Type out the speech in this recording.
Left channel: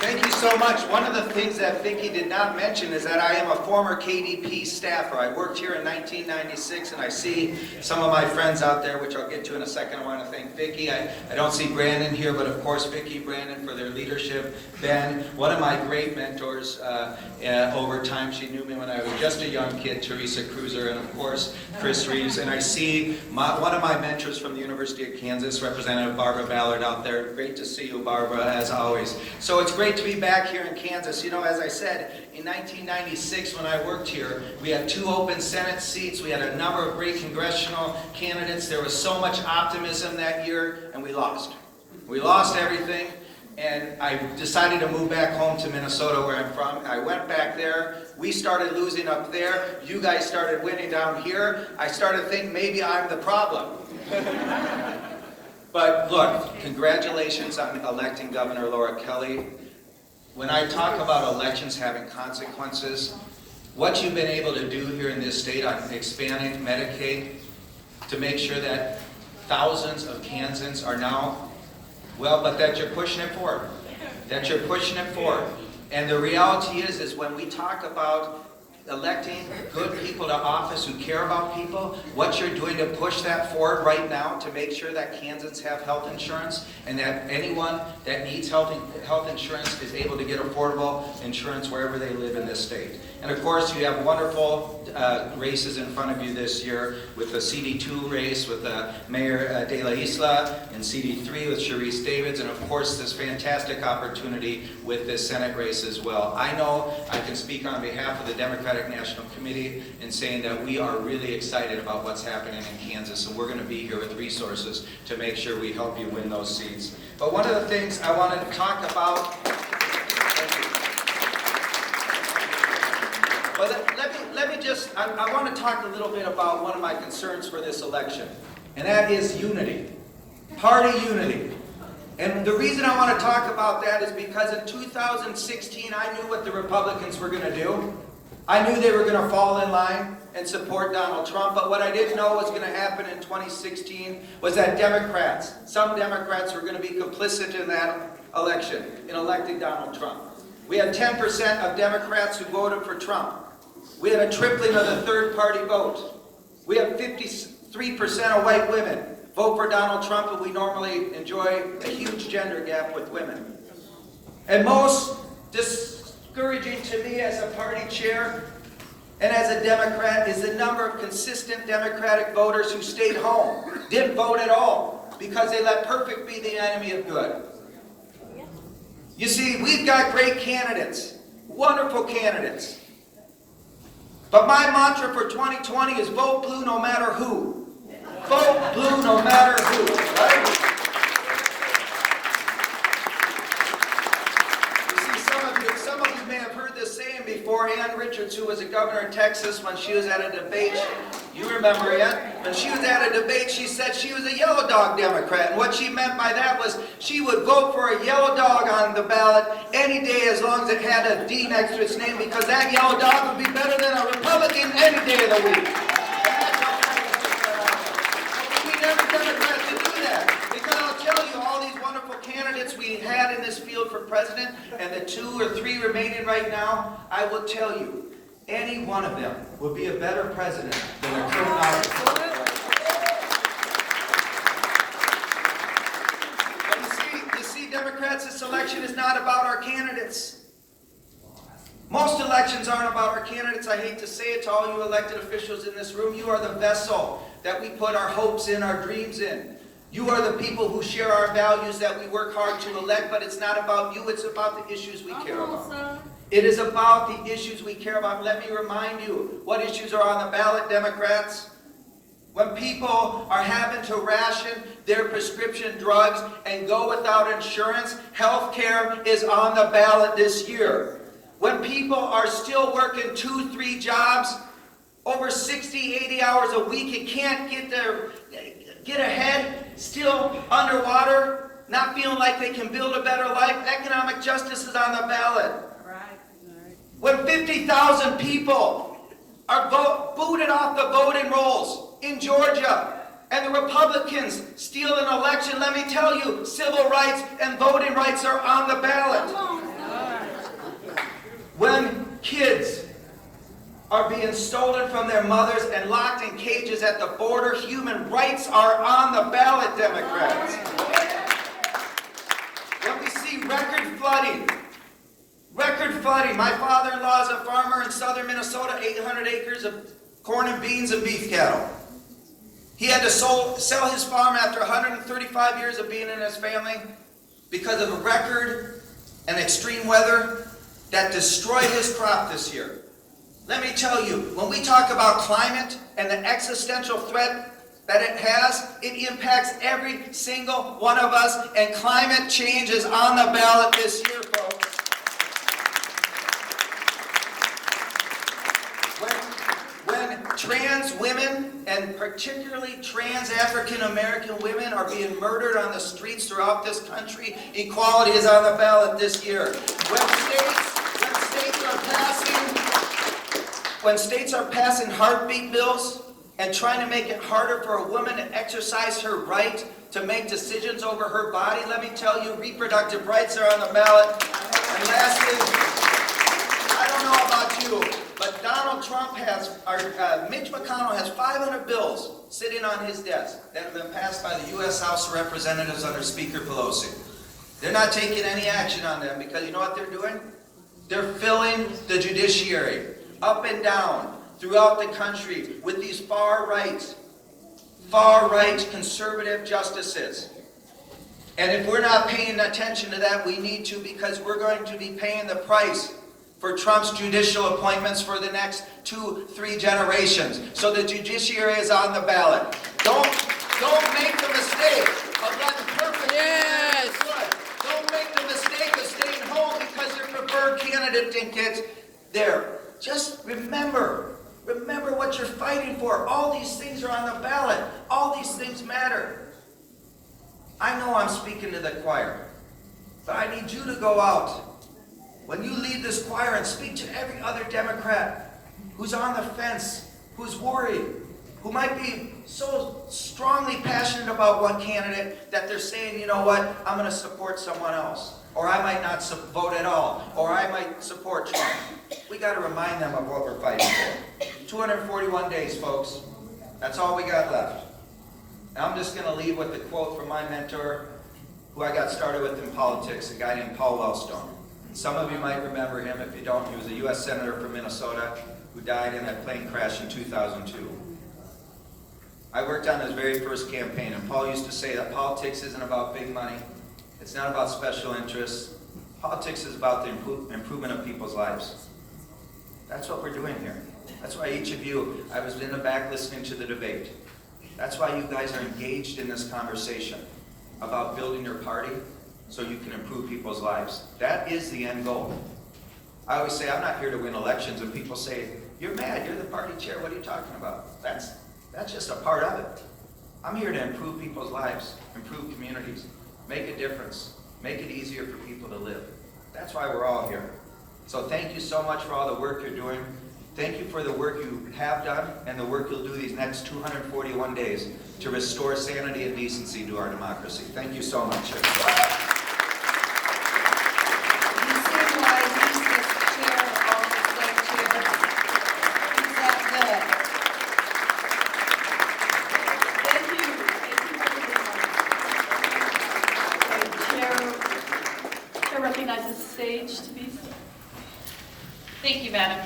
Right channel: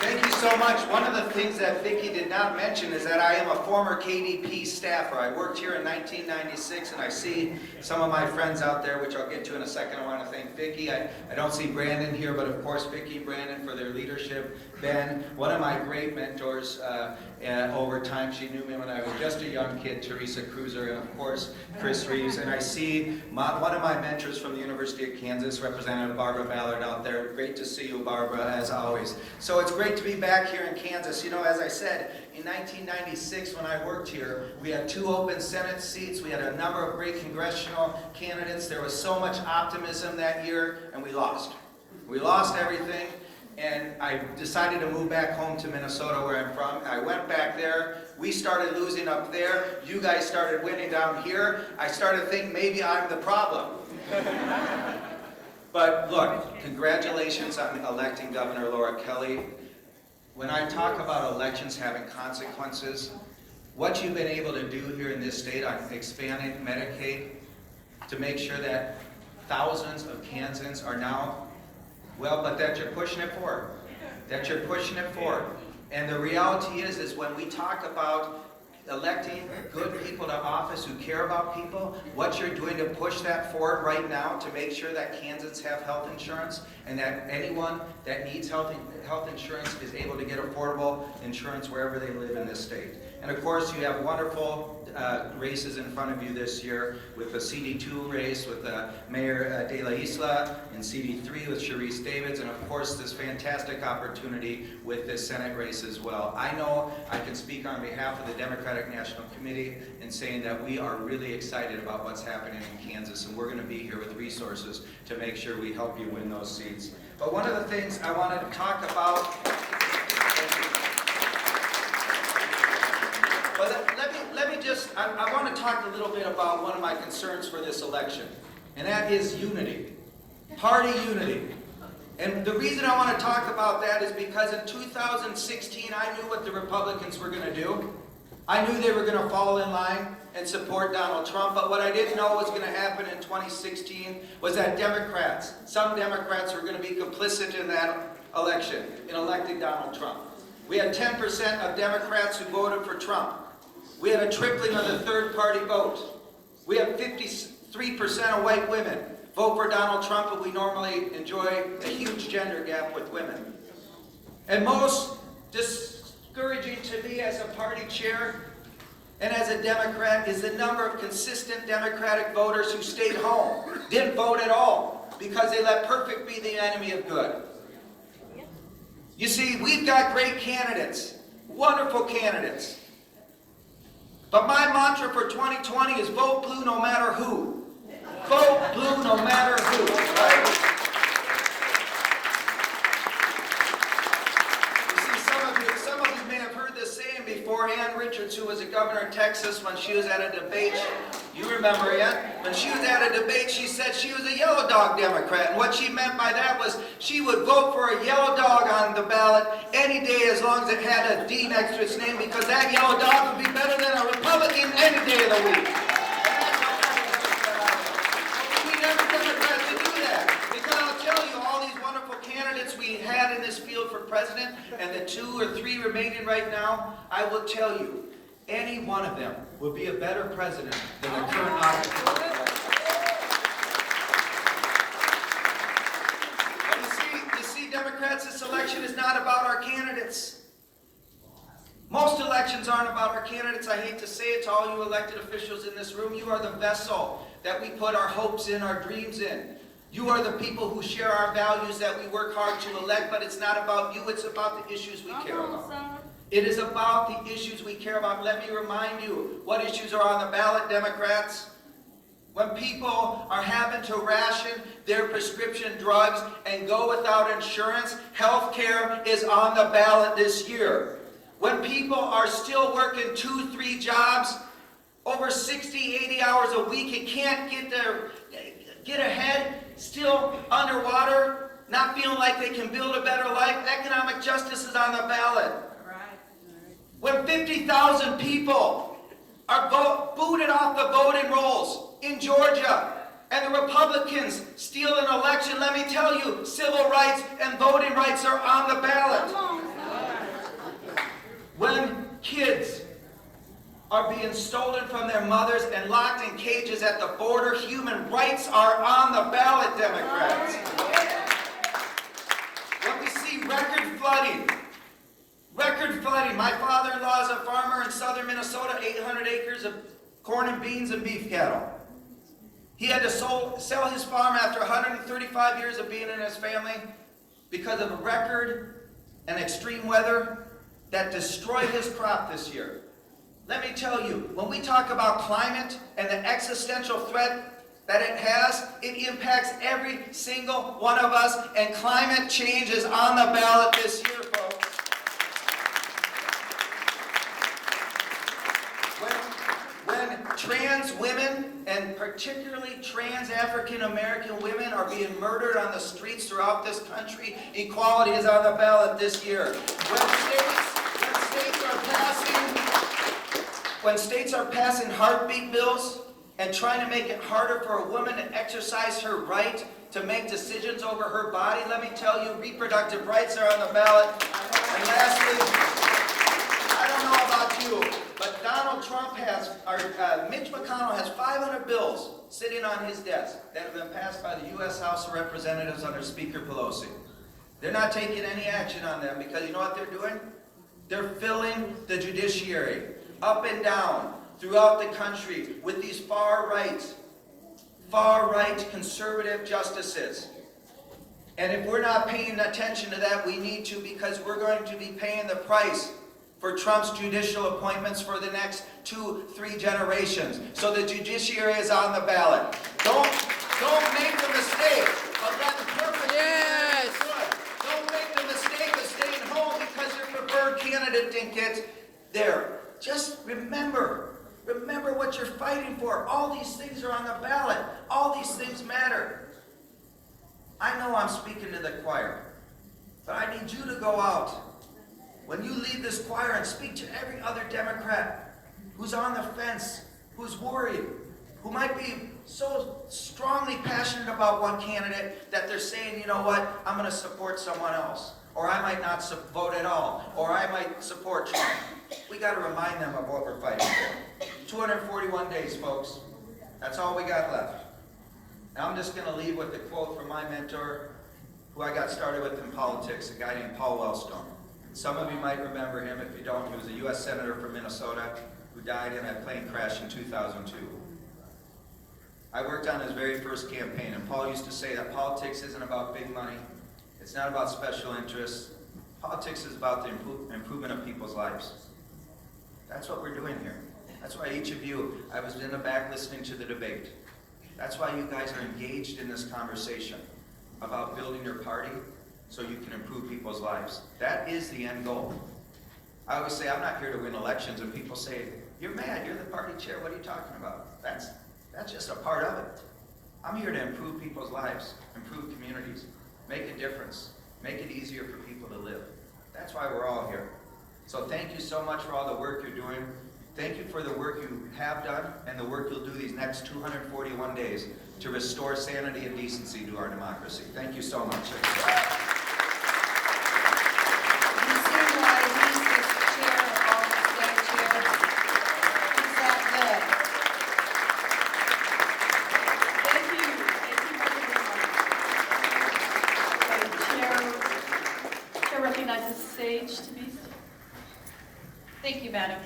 Thank you so much. One of the things that Vicki did not mention is that I am a former KDP staffer. I worked here in 1996, and I see some of my friends out there, which I'll get to in a second. I want to thank Vicki. I don't see Brandon here, but of course Vicki, Brandon for their leadership. Ben, one of my great mentors over time. She knew me when I was just a young kid, Teresa Cruiser, and of course Chris Reeves. And I see one of my mentors from the University of Kansas, Representative Barbara Ballard out there. Great to see you, Barbara, as always. So it's great to be back here in Kansas. You know, as I said, in 1996 when I worked here, we had 2 open Senate seats. We had a number of great congressional candidates. There was so much optimism that year, and we lost. We lost everything, and I decided to move back home to Minnesota, where I'm from. I went back there. We started losing up there. You guys started winning down here. I started to think maybe I'm the problem. But look, congratulations on electing Governor Laura Kelly. When I talk about elections having consequences, what you've been able to do here in this state on expanding Medicaid to make sure that thousands of Kansans are now, well, but that you're pushing it forward. That you're pushing it forward. And the reality is when we talk about electing good people to office who care about people, what you're doing to push that forward right now to make sure that Kansans have health insurance and that anyone that needs health insurance is able to get affordable insurance wherever they live in this state. And of course, you have wonderful races in front of you this year with the CD2 race with Mayor De La Isla and CD3 with Sharice Davids, and of course this fantastic opportunity with this Senate race as well. I know I can speak on behalf of the Democratic National Committee in saying that we are really excited about what's happening in Kansas, and we're going to be here with resources to make sure we help you win those seats. But one of the things I wanted to talk about, I want to talk a little bit about one of my concerns for this election, and that is unity, party unity. And the reason I want to talk about that is because in 2016, I knew what the Republicans were going to do. I knew they were going to fall in line and support Donald Trump, but what I didn't know was going to happen in 2016 was that some Democrats were going to be complicit in that election, in electing Donald Trump. We had 10% of Democrats who voted for Trump. We had a tripling of the third-party vote. We had 53% of white women vote for Donald Trump, and we normally enjoy a huge gender gap with women. And most discouraging to me as a party chair and as a Democrat is the number of consistent Democratic voters who stayed home, didn't vote at all, because they let perfect be the enemy of good. You see, we've got great candidates, wonderful candidates. But my mantra for 2020 is vote blue no matter who. Vote blue no matter who, right? You see, some of you may have heard this saying before. Ann Richards, who was a governor in Texas, when she was at a debate, you remember it? When she was at a debate, she said she was a yellow dog Democrat. And what she meant by that was she would vote for a yellow dog on the ballot any day as long as it had a D next to its name, because that yellow dog would be better than a Republican any day of the week. We need every Democrat to do that. Because I'll tell you, all these wonderful candidates we had in this field for president, and the 2 or 3 remaining right now, I will tell you, any one of them would be a better president than a current officer. But you see, Democrats, this election is not about our candidates. Most elections aren't about our candidates. I hate to say it to all you elected officials in this room. You are the vessel that we put our hopes in, our dreams in. You are the people who share our values that we work hard to elect, but it's not about you, it's about the issues we care about. It is about the issues we care about. Let me remind you what issues are on the ballot, Democrats. When people are having to ration their prescription drugs and go without insurance, health care is on the ballot this year. When people are still working 2, 3 jobs, over 60, 80 hours a week, and can't get ahead, still underwater, not feeling like they can build a better life, economic justice is on the ballot. When 50,000 people are booted off the voting rolls in Georgia, and the Republicans steal an election, let me tell you, civil rights and voting rights are on the ballot. When kids are being stolen from their mothers and locked in cages at the border, human rights are on the ballot, Democrats. When we see record flooding, my father-in-law is a farmer in southern Minnesota, 800 acres of corn and beans and beef cattle. He had to sell his farm after 135 years of being in his family because of a record and extreme weather that destroyed his crop this year. Let me tell you, when we talk about climate and the existential threat that it has, it impacts every single one of us, and climate change is on the ballot this year, folks. When trans women, and particularly trans African American women, are being murdered on the streets throughout this country, equality is on the ballot this year. When states are passing heartbeat bills and trying to make it harder for a woman to exercise her right to make decisions over her body, let me tell you, reproductive rights are on the ballot. And lastly, I don't know about you, but Donald Trump Mitch McConnell has 500 bills sitting on his desk that have been passed by the U.S. House of Representatives under Speaker Pelosi. They're not taking any action on them because you know what they're doing? They're filling the judiciary up and down throughout the country with these far-right conservative justices. And if we're not paying attention to that, we need to, because we're going to be paying the price for Trump's judicial appointments for the next 2-3 generations. So the judiciary is on the ballot. Don't make the mistake of letting perfect candidates good. Don't make the mistake of staying home because your preferred candidate didn't get there. Just remember what you're fighting for. All these things are on the ballot. All these things matter. I know I'm speaking to the choir, but I need you to go out. When you leave this choir and speak to every other Democrat who's on the fence, who's worried, who might be so strongly passionate about one candidate that they're saying, you know what, I'm going to support someone else. Or I might not vote at all. Or I might support Trump. We got to remind them of what we're fighting for. 241 days, folks. That's all we got left. And I'm just going to leave with a quote from my mentor, who I got started with in politics, a guy named Paul Wellstone. Some of you might remember him. If you don't, he was a U.S. Senator from Minnesota who died in a plane crash in 2002. I worked on his very first campaign, and Paul used to say that politics isn't about big money. It's not about special interests. Politics is about the improvement of people's lives. That's what we're doing here. That's why each of you, I was in the back listening to the debate. That's why you guys are engaged in this conversation about building your party so you can improve people's lives. That is the end goal. I always say, I'm not here to win elections. When people say, you're mad, you're the party chair, what are you talking about? That's just a part of it. I'm here to improve people's lives, improve communities, make a difference, make it easier for people to live. That's why we're all here. So thank you so much for all the work you're doing. Thank you for the work you have done and the work you'll do these next 241 days to restore sanity and decency to our democracy. Thank you so much. Recognize the stage to be. Thank you, Madam.